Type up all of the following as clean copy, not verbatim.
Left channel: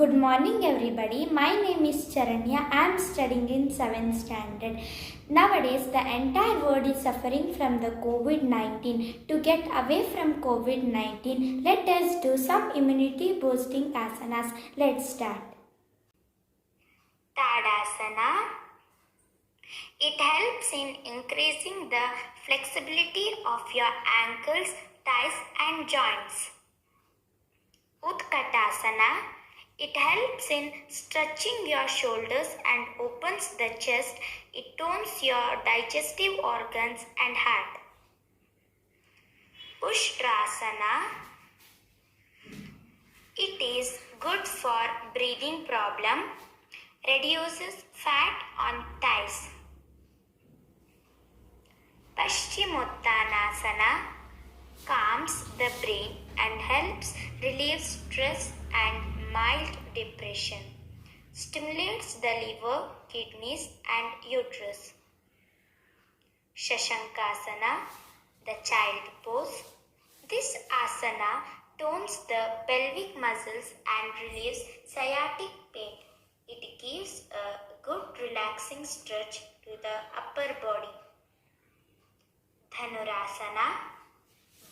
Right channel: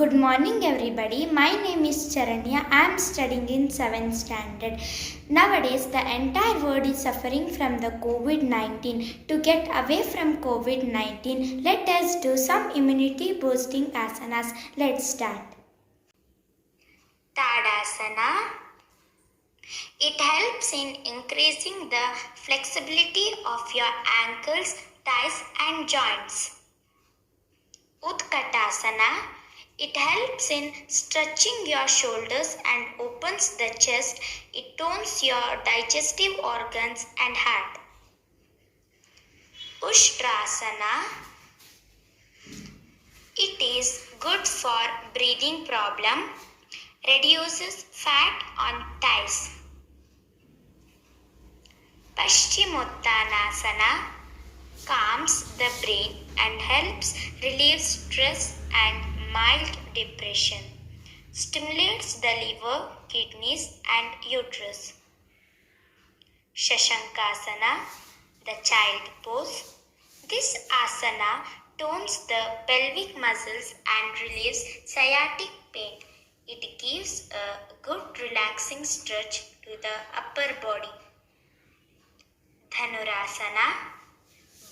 Good morning, everybody. My name is Charanya. I am studying in 7th standard. Nowadays, the entire world is suffering from the COVID 19. To get away from COVID 19, let us do some immunity boosting asanas. Let's start. Tadasana. It helps in increasing the flexibility of your ankles, thighs, and joints. Utkatasana. It helps in stretching your shoulders and opens the chest. It tones your digestive organs and heart. Ushtrasana. It is good for breathing problem, reduces fat on thighs. Paschimottanasana calms the brain and helps relieve stress and mild depression. Stimulates the liver, kidneys and uterus. Shashankasana, the child pose. This asana tones the pelvic muscles and relieves sciatic pain. It gives a good relaxing stretch to the upper body. Dhanurasana,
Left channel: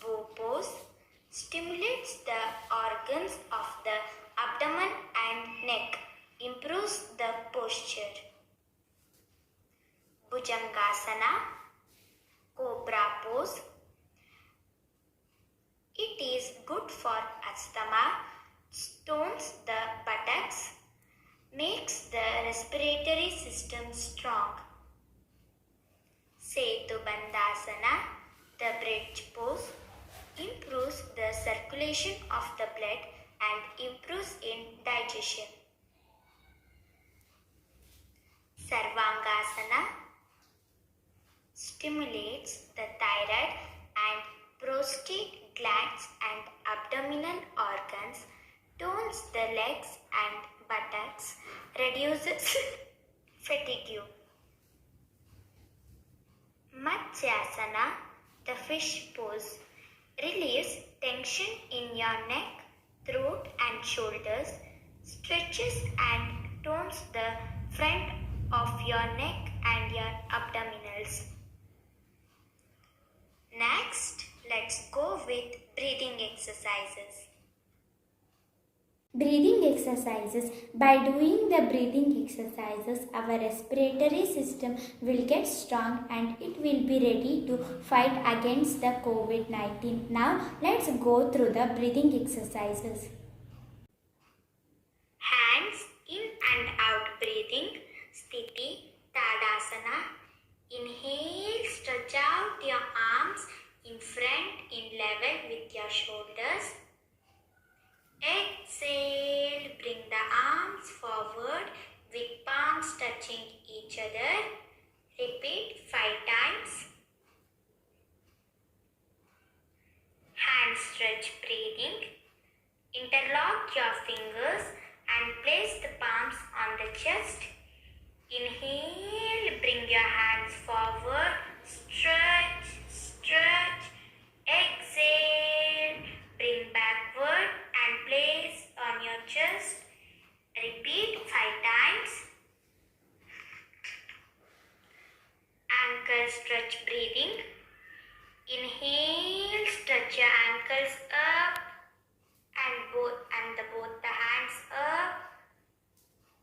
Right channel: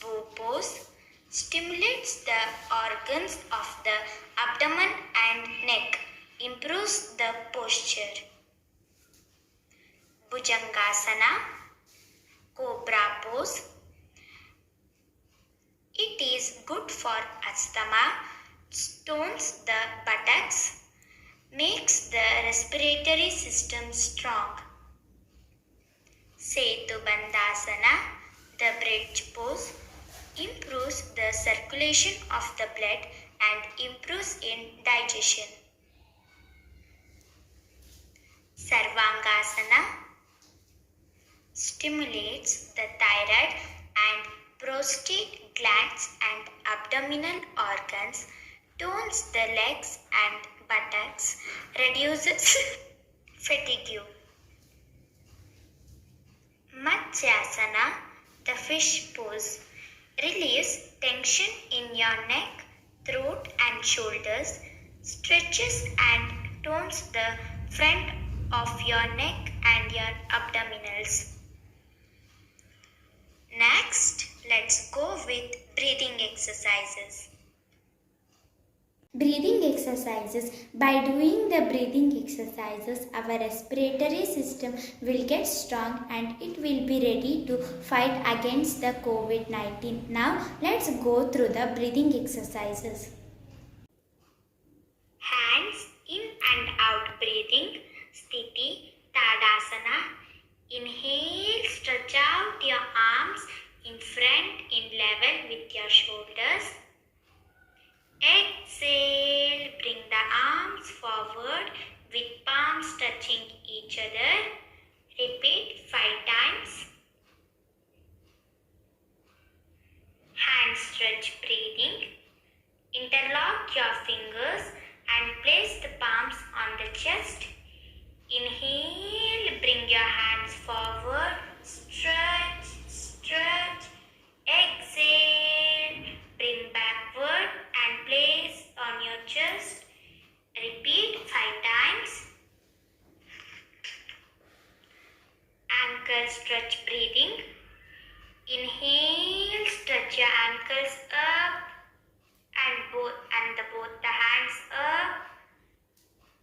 bow pose, stimulates the organs of the abdomen and neck, improves the posture. Bhujangasana, cobra pose. It is good for asthma, tones the buttocks, makes the respiratory system strong. Setubandhasana, the bridge pose, improves the circulation of the blood and improves in digestion. Sarvangasana stimulates the thyroid and prostate glands and abdominal organs, tones the legs and buttocks, reduces fatigue. Matsyasana, the fish pose, relieves tension in your neck, throat and shoulders, stretches and tones the front of your neck and your abdominals. Next, let's go with breathing exercises. Breathing exercises. By doing the breathing exercises, our respiratory system will get strong and it will be ready to fight against the COVID-19. Now, let's go through the breathing exercises. Hands in and out breathing. Sthiti, Tadasana. Inhale, stretch out your arms in front in level with your shoulders. Exhale, bring the arms forward with palms touching each other. Repeat 5 times. Hand stretch breathing. Interlock your fingers and place the palms on the chest. Inhale, bring your hands forward. Stretch, stretch. Exhale, bring backward and place on your chest. Repeat 5 times. Ankle stretch breathing. Inhale, stretch your ankles up and both the hands up.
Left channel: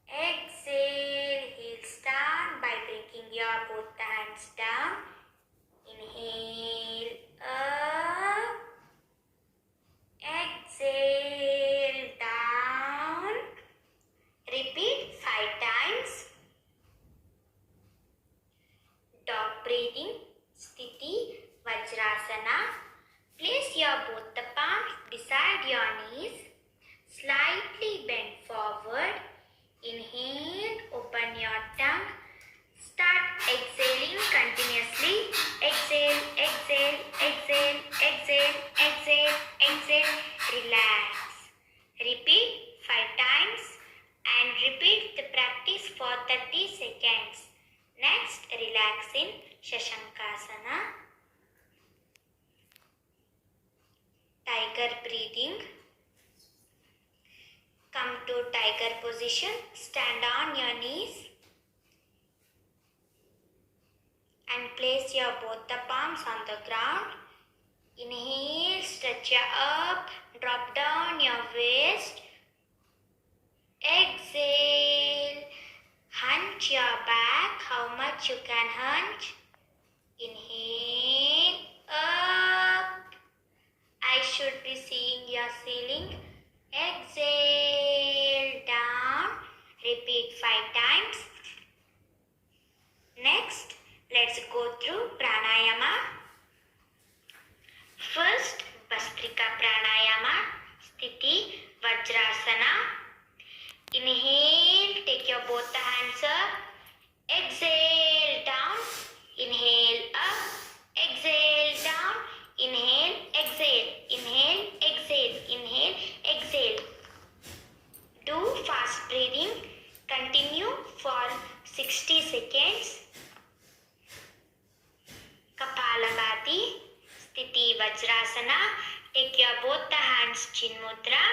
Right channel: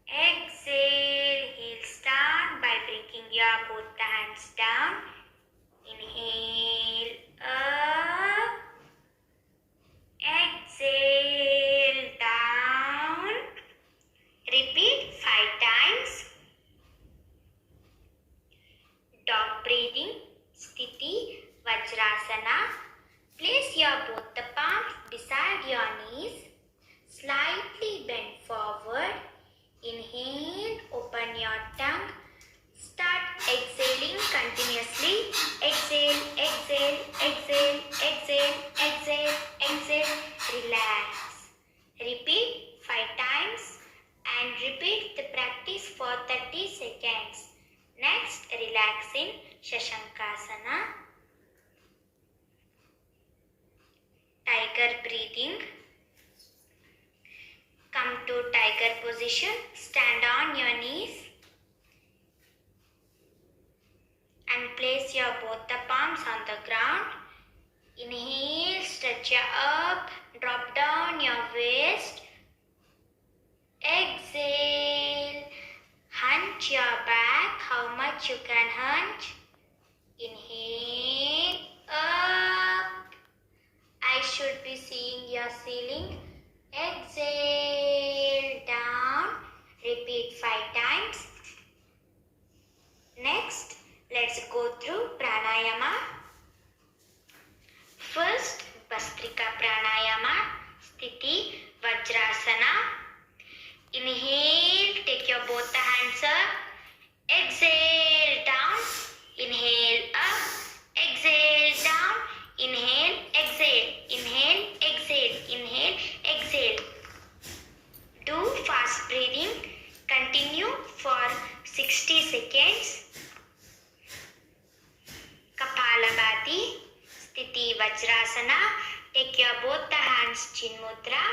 Exhale, heels down by bringing your both the hands down. Inhale, up. Exhale, down. Repeat 5 times. Dog breathing. Sthiti, Vajrasana. Place your both the palms beside your knees. Slightly bend forward. Inhale, open your tongue. Start exhaling continuously. Exhale, exhale, exhale, exhale, exhale, exhale. Relax. Repeat 5 times and repeat the practice for 30 seconds. Next, relax in Shashankasana. Tiger breathing. Come to tiger tiger position. Stand on your knees and place your both the palms on the ground. Inhale, stretch your up, drop down your waist. Exhale, hunch your back, how much you can hunch. Inhale, up. I should be seeing your ceiling. Exhale, down. Repeat 5 times. Next, let's go through pranayama. First, Bhastrika pranayama, Sthiti Vajrasana. Inhale, take your both the hands up. Exhale, down. Inhale, up. Exhale, down. Inhale, exhale. Inhale, exhale. Inhale, exhale. Do fast breathing. Continue for 60 seconds. Kapalabhati, Sthiti Vajrasana. Take your both the hands, Chin Mudra.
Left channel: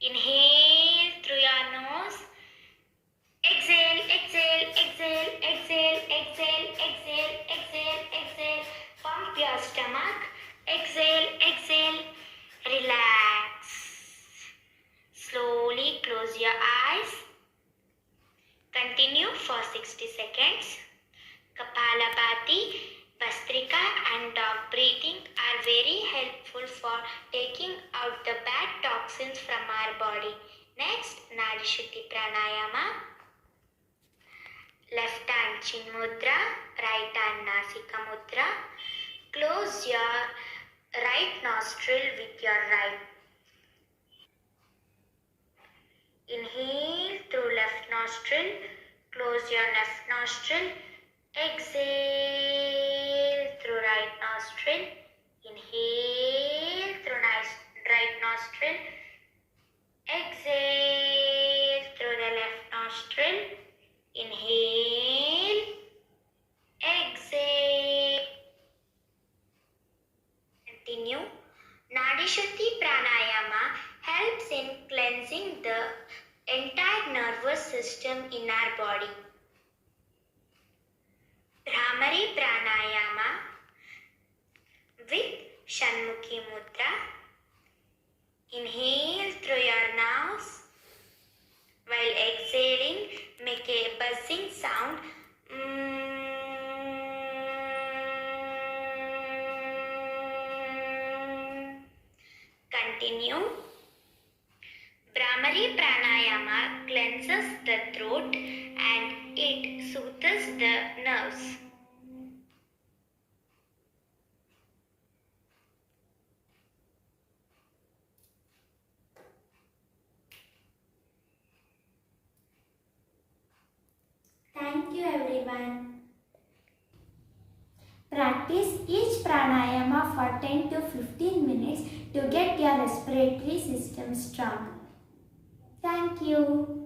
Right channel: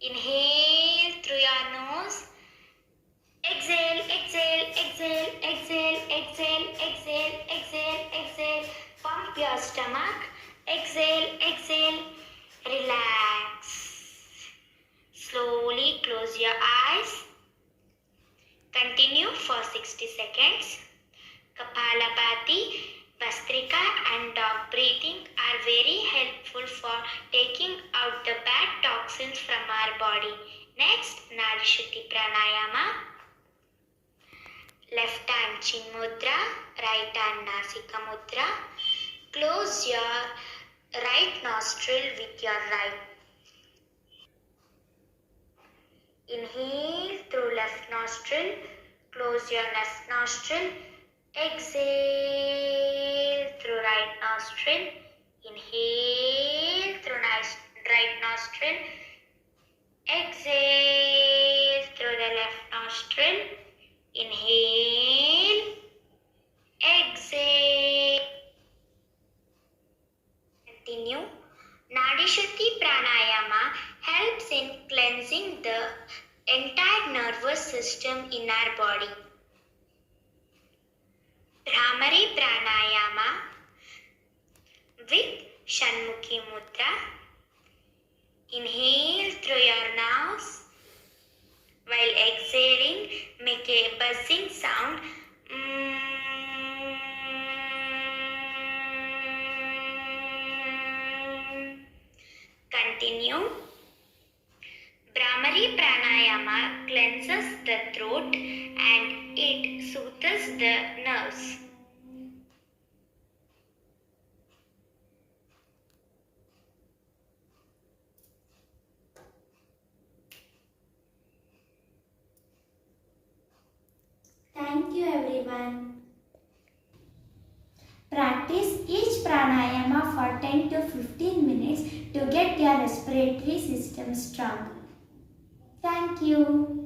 Inhale through your nose. Exhale, exhale, exhale, exhale, exhale, exhale, exhale, exhale. Pump your stomach. Exhale, exhale. Relax. Slowly close your eyes. Continue for 60 seconds. Kapalabhati, Bhastrika and dog breathing are very helpful for taking out the bad toxins from our body. Next, Nadi Shuddhi Pranayama. Left hand Chin Mudra, right hand Nasika Mudra. Close your right nostril with your right. Inhale through left nostril. Close your left nostril. Exhale through right nostril. Inhale through right nostril. Exhale through the left nostril. Inhale. Exhale. Continue. Nadi Shuddhi Pranayama helps in cleansing the entire nervous system in our body. Bhramari Pranayama with Shanmukhi Mudra. Inhale through your nose. While exhaling, make a buzzing sound. Continue. Bhramari Pranayama cleanses the throat and it soothes the nerves. Thank you everyone. Practice each pranayama for 10 to 15 minutes to get your respiratory system strong. Thank you.